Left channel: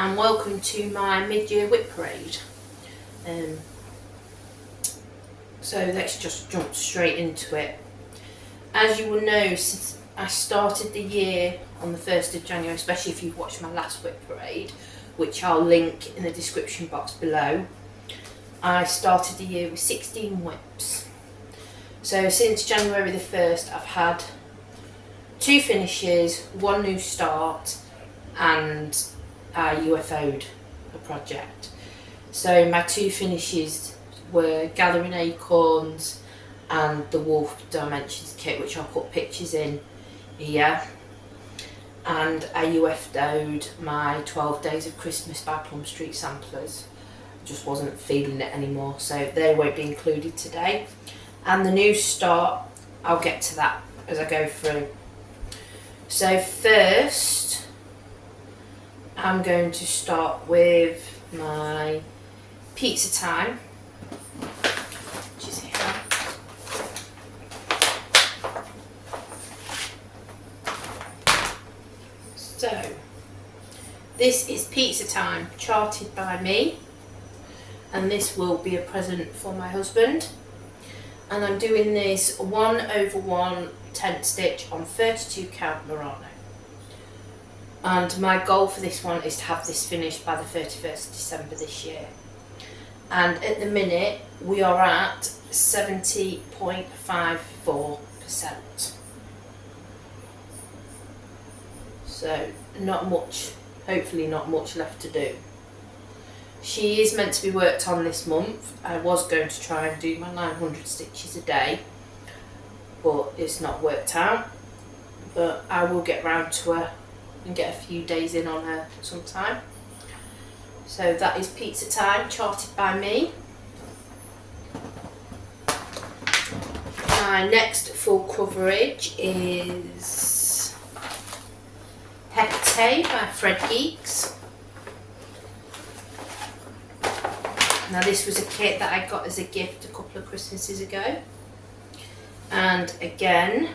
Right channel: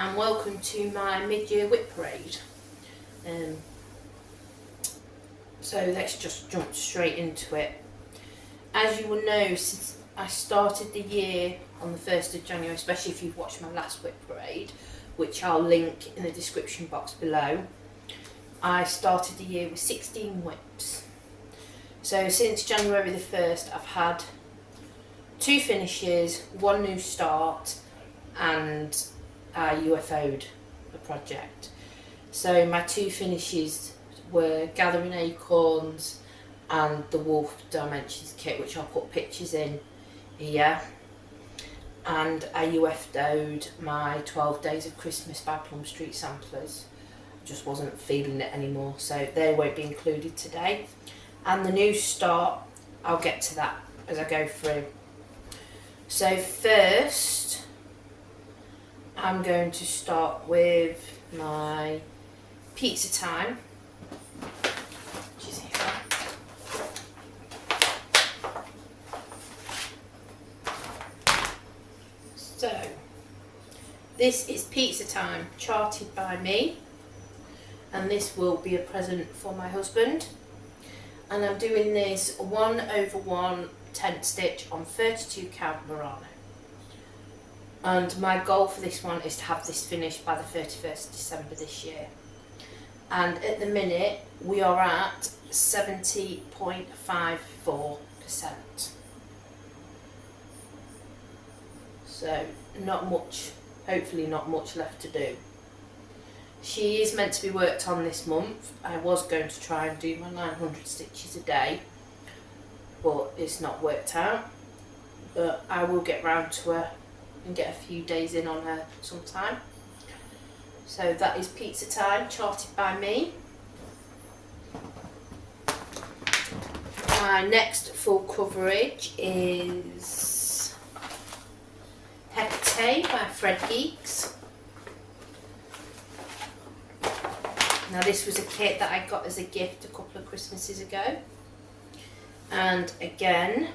and welcome to my mid-year WIP Parade. So let's just jump straight into it. As you will know, since I started the year on the 1st of January, especially if you've watched my last WIP Parade, which I'll link in the description box below, I started the year with 16 WIPs. So since January the 1st I've had 2 finishes, 1 new start, and I UFO'd a project. So my 2 finishes were Gathering Acorns and the Wolf Dimensions kit, which I'll put pictures in here. And I UFO'd my 12 Days of Christmas by Plum Street samplers. Just wasn't feeling it anymore, so they won't be included today. And the new start, I'll get to that as I go through. So first, I'm going to start with my Pizza Time, which is here. So, this is Pizza Time, charted by me, and this will be a present for my husband. And I'm doing this 1/1 tent stitch on 32 count Murano. And my goal for this one is to have this finished by the 31st of December this year. And at the minute we are at 70.54%. So not much, hopefully not much left to do. She is meant to be worked on this month. I was going to try and do my 900 stitches a day, but it's not worked out. But I will get round to her and get a few days in on her sometime. So that is Pizza Time, charted by me. My next full coverage is Hecate by ThreadGeeks. Now this was a kit that I got as a gift a couple of Christmases ago. And again,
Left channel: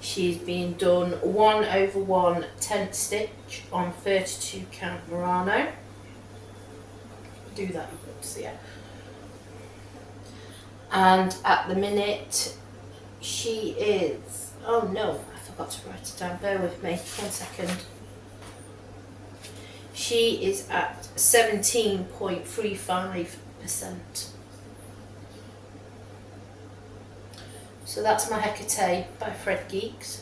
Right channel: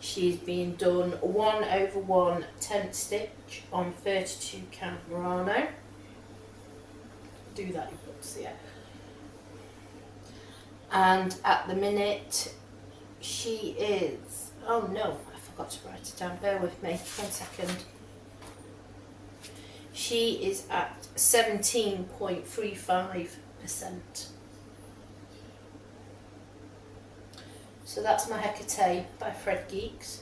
she's being done 1/1 tent stitch on 32 count Murano. Do that, yeah. And at the minute, she is, oh no, I forgot to write it down, bear with me, 1 second. She is at 17.35%. So that's my Hecate by ThreadGeeks.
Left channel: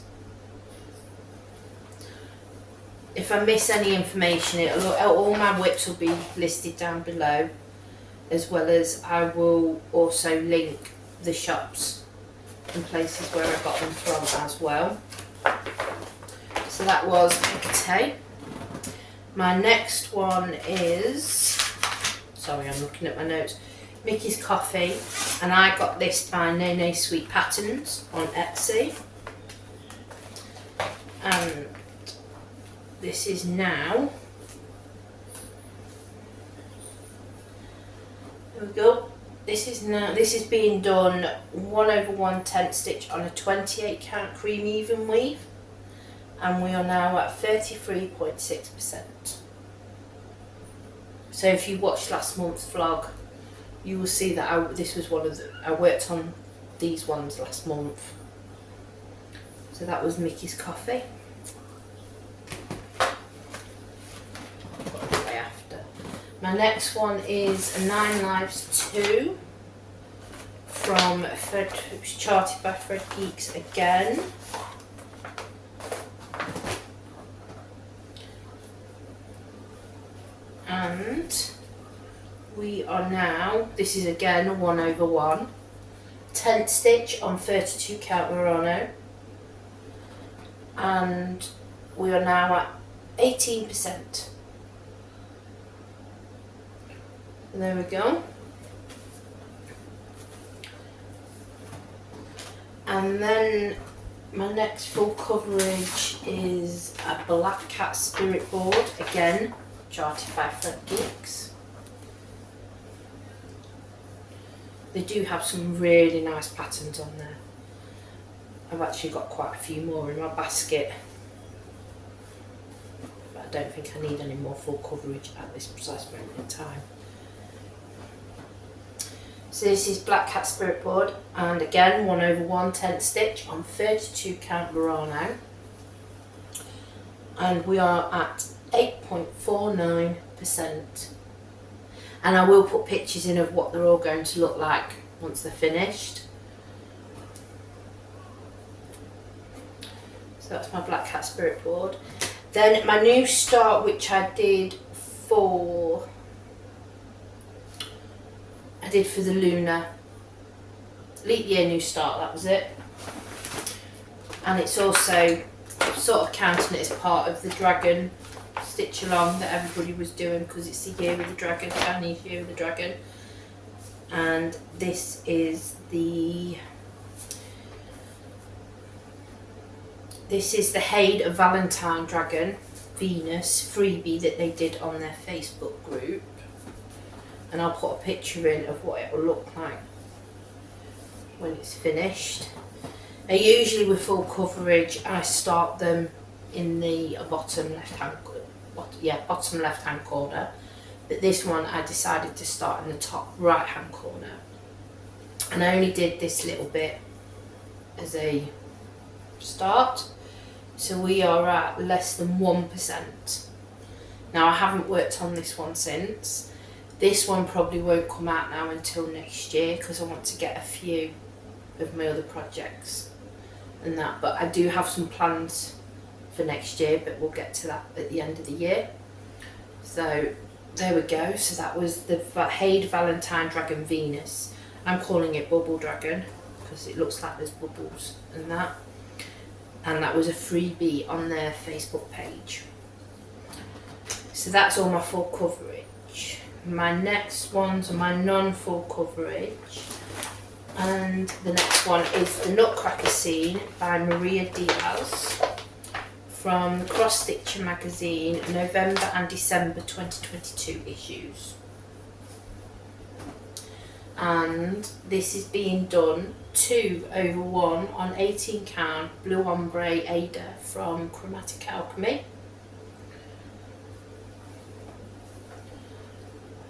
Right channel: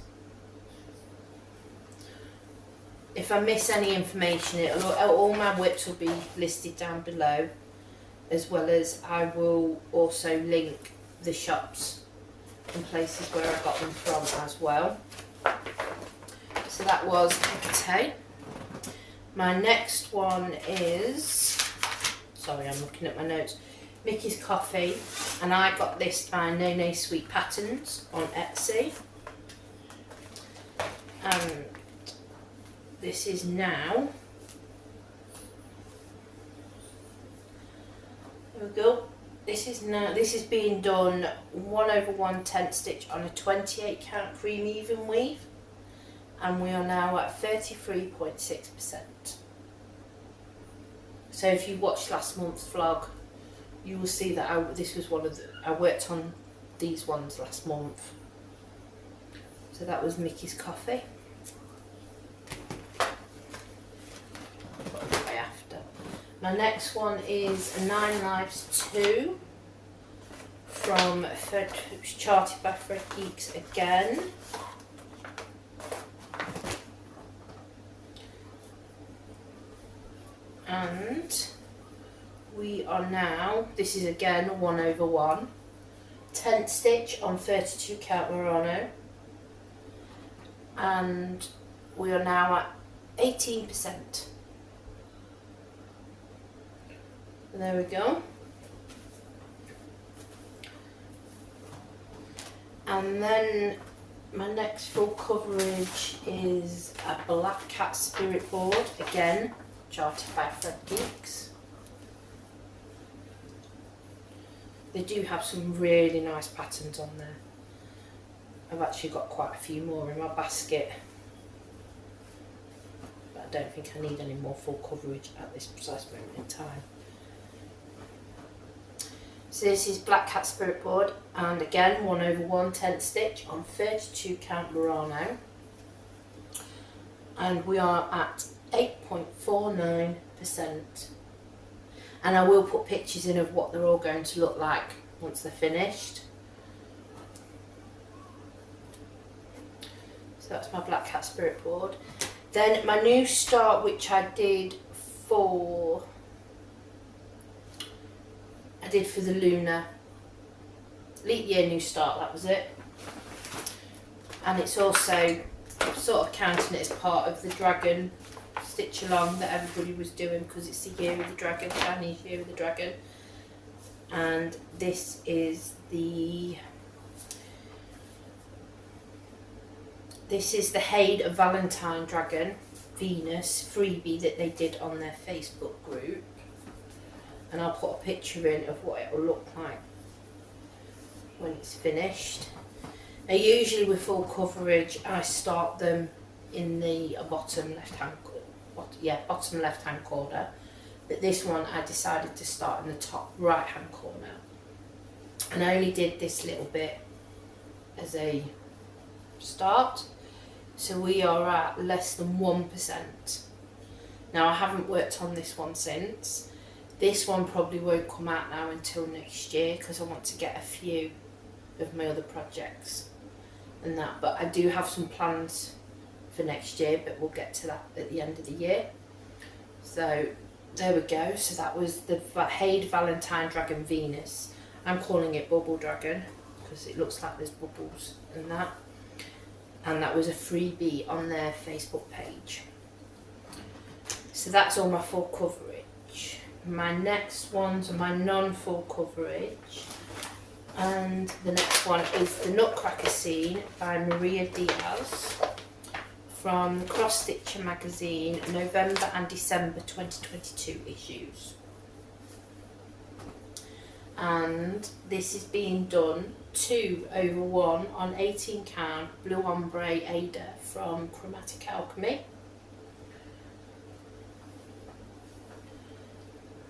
If I miss any information, all my WIPs will be listed down below, as well as I will also link the shops and places where I got them from as well. So that was Hecate. My next one is, sorry, I'm looking at my notes, Mickey's Coffee, and I got this by NeneSweetPatteerns on Etsy. And this is now, there we go, this is being done 1/1 tent stitch on a 28 count cream Evenweave, and we are now at 33.6%. So if you watched last month's vlog, you will see that this was one of I worked on these ones last month. So that was Mickey's Coffee. Way after. My next one is 9 Lives 2 from charted by ThreadGeeks again. And we are now, this is again 1/1 tent stitch on 32 count Murano, and we are now at 18%. There we go. And then my next full coverage is a Black Cat Spirit board, again charted by ThreadGeeks. They do have some really nice patterns on there. I've actually got quite a few more in my basket. But I don't think I need any more full coverage at this precise moment in time. So this is Black Cat Spirit Board, and again 1/1 10th stitch on 32 count Murano, and we are at 8.49%. And I will put pictures in of what they're all going to look like once they're finished. So that's my Black Cat Spirit Board. Then my new start, which I did for the lunar leap year new start, that was it. And it's also sort of counting it as part of the dragon stitch along that everybody was doing, because it's the year of the dragon, Chinese year of the dragon. And this is the Hecate Valentine Dragon Venus freebie that they did on their Facebook group, and I'll put a picture in of what it will look like when it's finished. Now usually with full coverage I start them in the bottom left hand corner, but this one I decided to start in the top right hand corner, and I only did this little bit as a start. So we are at less than 1%. Now I haven't worked on this one since. This one probably won't come out now until next year, because I want to get a few of my other projects and that, but I do have some plans for next year, but we'll get to that at the end of the year. So there we go. So that was the Hecate Valentine Dragon Venus. I'm calling it Bubble Dragon because it looks like there's bubbles and that. And that was a freebie on their Facebook page. So that's all my full coverage. My next ones are my non-full coverage. And the next one is the Nutcracker Scene by Maria Diaz from the CrossStitcher magazine, November and December 2022 issues. And this is being done 2/1 on 18 count blue ombre Aida from Chromatic Alchemy.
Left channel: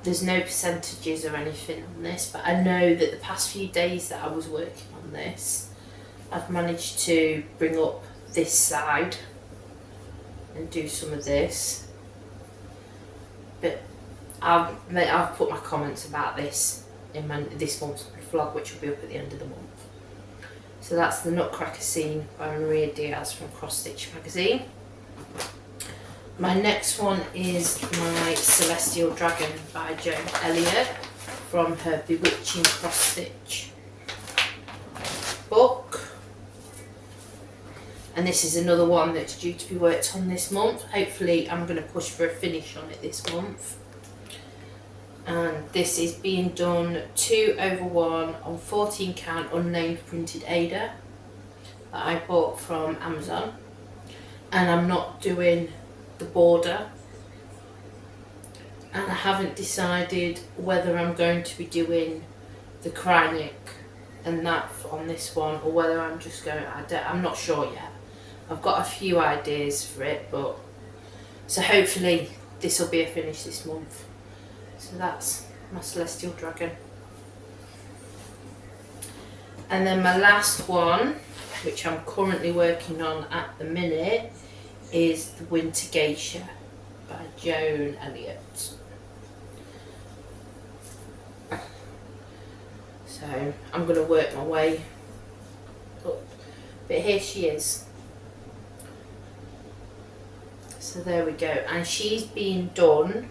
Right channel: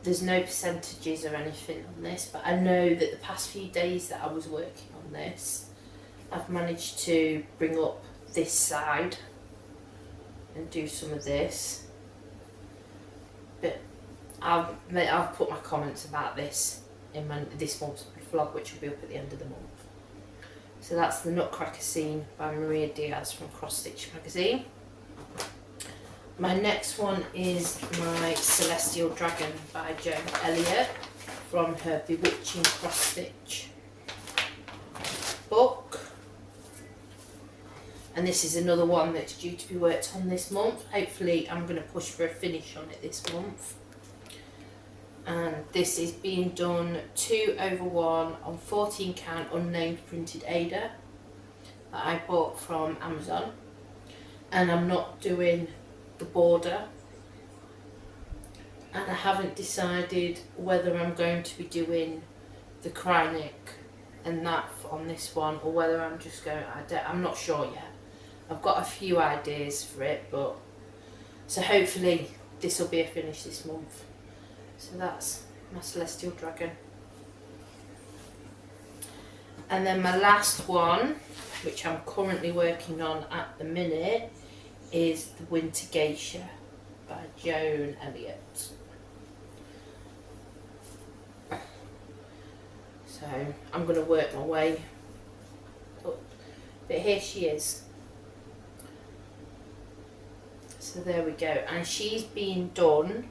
There's no percentages or anything on this, but I know that the past few days that I was working on this, I've managed to bring up this side and do some of this. But I'll put my comments about this in this month's vlog, which will be up at the end of the month. So that's the Nutcracker Scene by Maria Diaz from CrossStitch magazine. My next one is my Celestial Dragon by Joan Elliott from her Bewitching CrossStitch book. And this is another one that's due to be worked on this month. Hopefully I'm going to push for a finish on it this month. And this is being done 2/1 on 14 count unnamed printed Aida that I bought from Amazon. And I'm not doing the border, and I haven't decided whether I'm going to be doing the Chromatic and that on this one, or whether I'm just going, I'm not sure yet. I've got a few ideas for it, but so hopefully this will be a finish this month. So that's my Celestial Dragon. And then my last one, which I'm currently working on at the minute, is the Winter Geisha by Joan Elliott. So I'm going to work my way up, but here she is. So there we go, and she's being done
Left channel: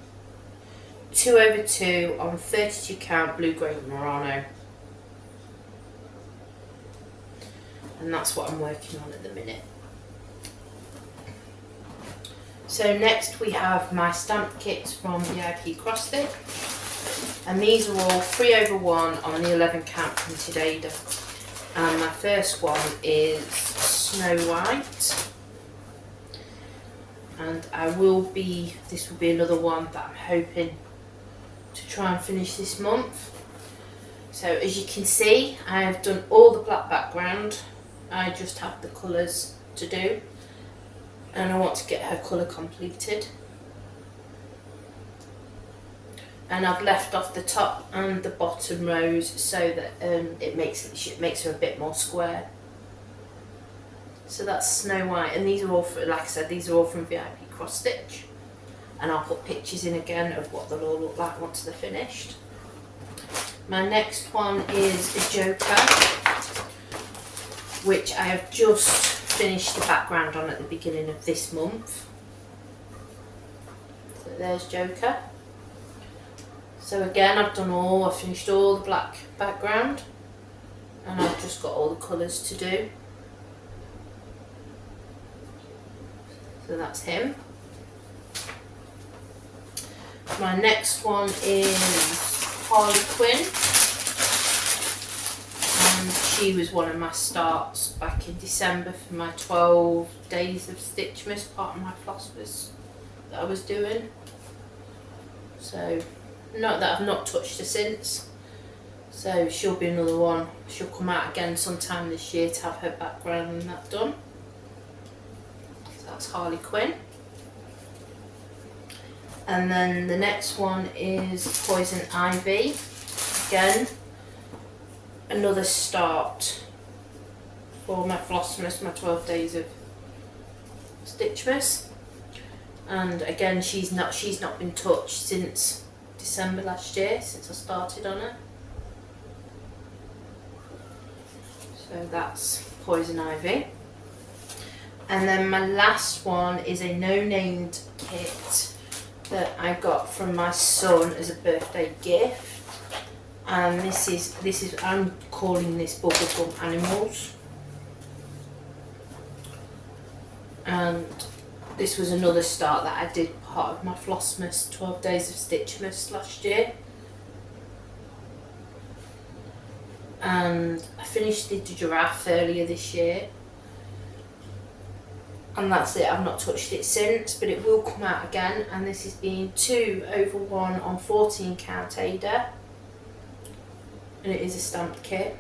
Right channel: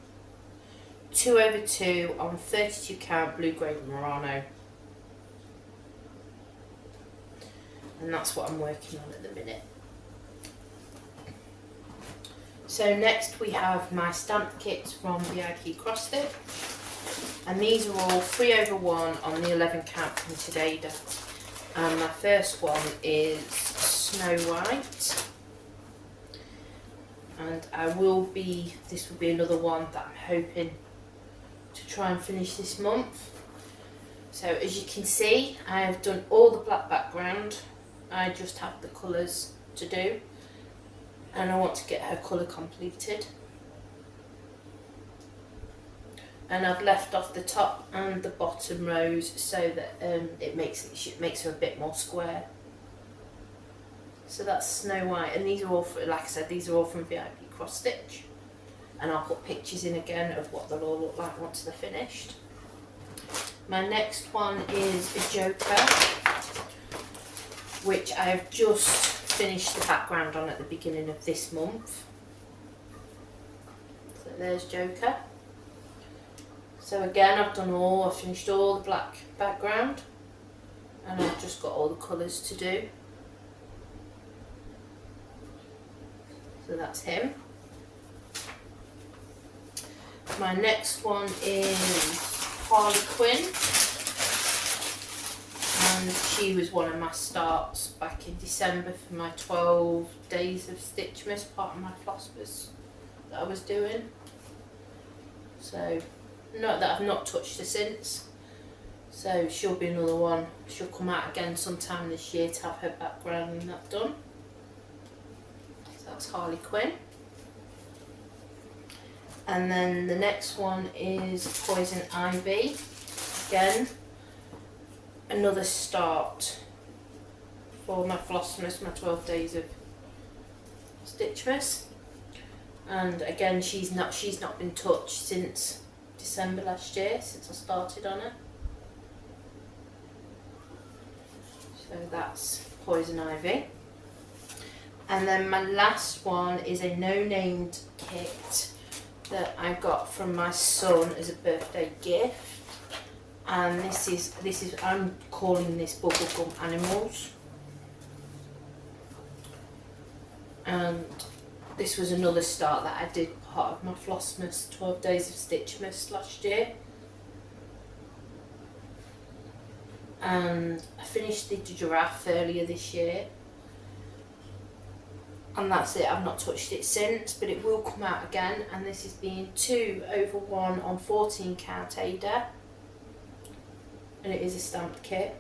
2/2 on 32 count blue grey Murano, and that's what I'm working on at the minute. So next we have my stamp kits from VIPCrossStitch, and these are all 3/1 on the 11 count printed Aida. And my first one is Snow White, and this will be another one that I'm hoping to try and finish this month. So as you can see, I have done all the black background. I just have the colours to do. and I want to get her colour completed. And I've left off the top and the bottom rows so that it makes her a bit more square. So that's Snow White, and these are all, like I said, these are all from VIPCrossStitch, and I'll put pictures in again of what they'll all look like once they're finished. My next one is a Joker, which I have just finished the background on at the beginning of this month. So there's Joker. So again, I've finished all the black background, and I've just got all the colours to do. So that's him. My next one is Harleey Quinn, and she was one of my starts back in December for my 12 days of Stitchmas, part of my Flosstube that I was doing. So, not that I've not touched her since, so she'll be another one. She'll come out again sometime this year to have her background and that done. So that's Harleey Quinn. And then the next one is Poison Ivy. Again, another start for my Flossmas, my 12 days of Stitchmas. And again, she's not been touched since December last year, since I started on her. So that's Poison Ivy. And then my last one is a no-named kit that I got from my son as a birthday gift, and this is I'm calling this Bubblegum Animals, and this was another start that I did part of my Flossmas 12 days of Stitchmas last year, and I finished the giraffe earlier this year. And that's it, I've not touched it since, but it will come out again, and this is being 2/1 on 14 count Aida, and it is a stamped kit.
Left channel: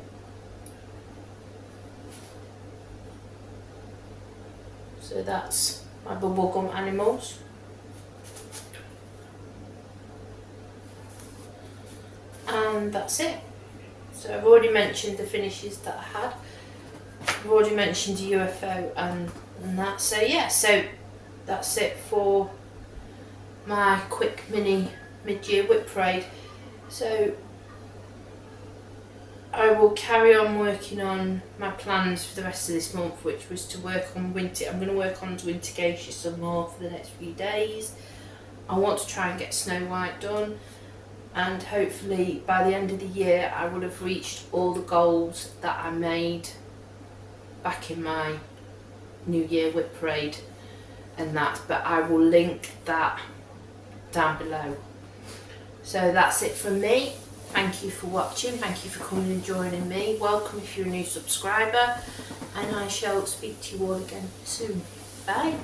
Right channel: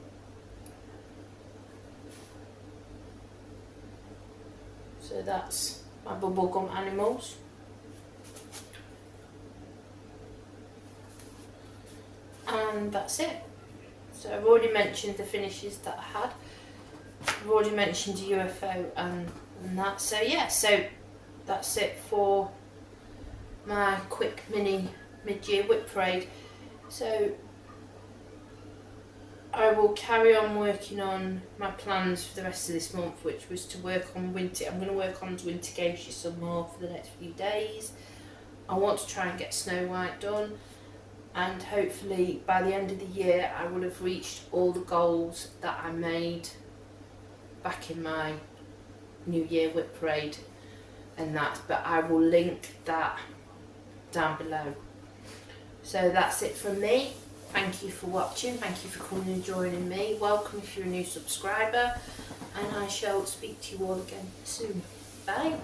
So that's my Bubblegum Animals. And that's it. So I've already mentioned the finishes that I had. I've already mentioned UFO and that. So yeah, so that's it for my quick mini mid-year WIP Parade. So I will carry on working on my plans for the rest of this month, which was to work on winter. I'm going to work on winter Geisha some more for the next few days. I want to try and get Snow White done, and hopefully by the end of the year I will have reached all the goals that I made back in my New Year WIP Parade and that, but I will link that down below. So that's it from me. Thank you for watching, thank you for coming and joining me. Welcome if you're a new subscriber, and I shall speak to you all again soon. Bye.